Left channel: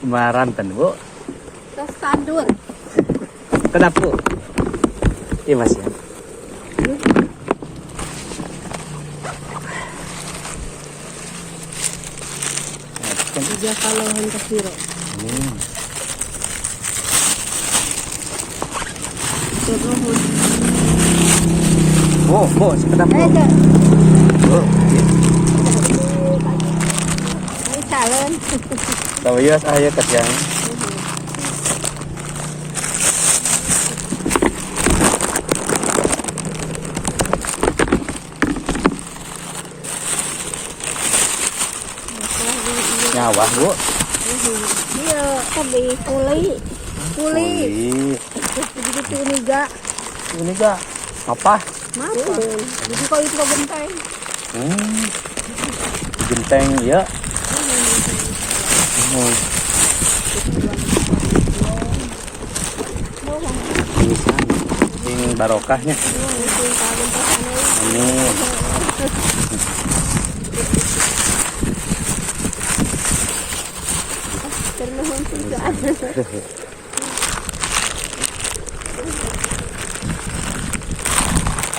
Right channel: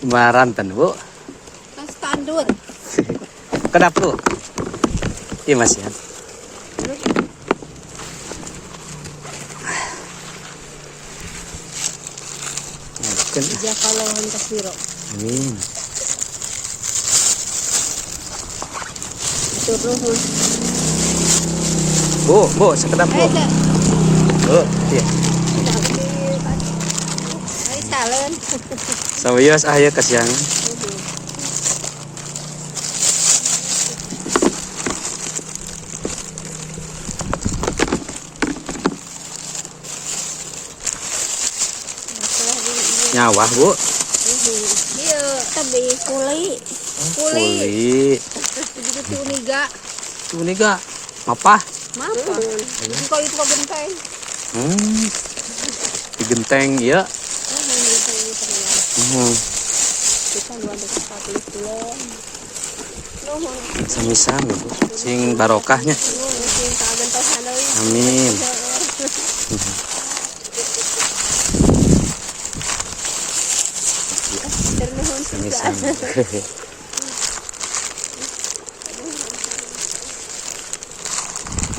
Maranten, Bu. Tos tandur. Kenapa, Bu? Iya, Mas ya. Dia kalau hendak siro. Terus. Bu, sekedap, Bu. Ada. Bu. Ay salon. Sawias aya kasihan. Nyawah, Bu. Dia tadi kuli. Kuli. Jadi tuh niga. Ini ga apa? Mapa. Jadi kau itu genteng. Genteng ya. Samisan sing barokahnya. Amin. Ternuhun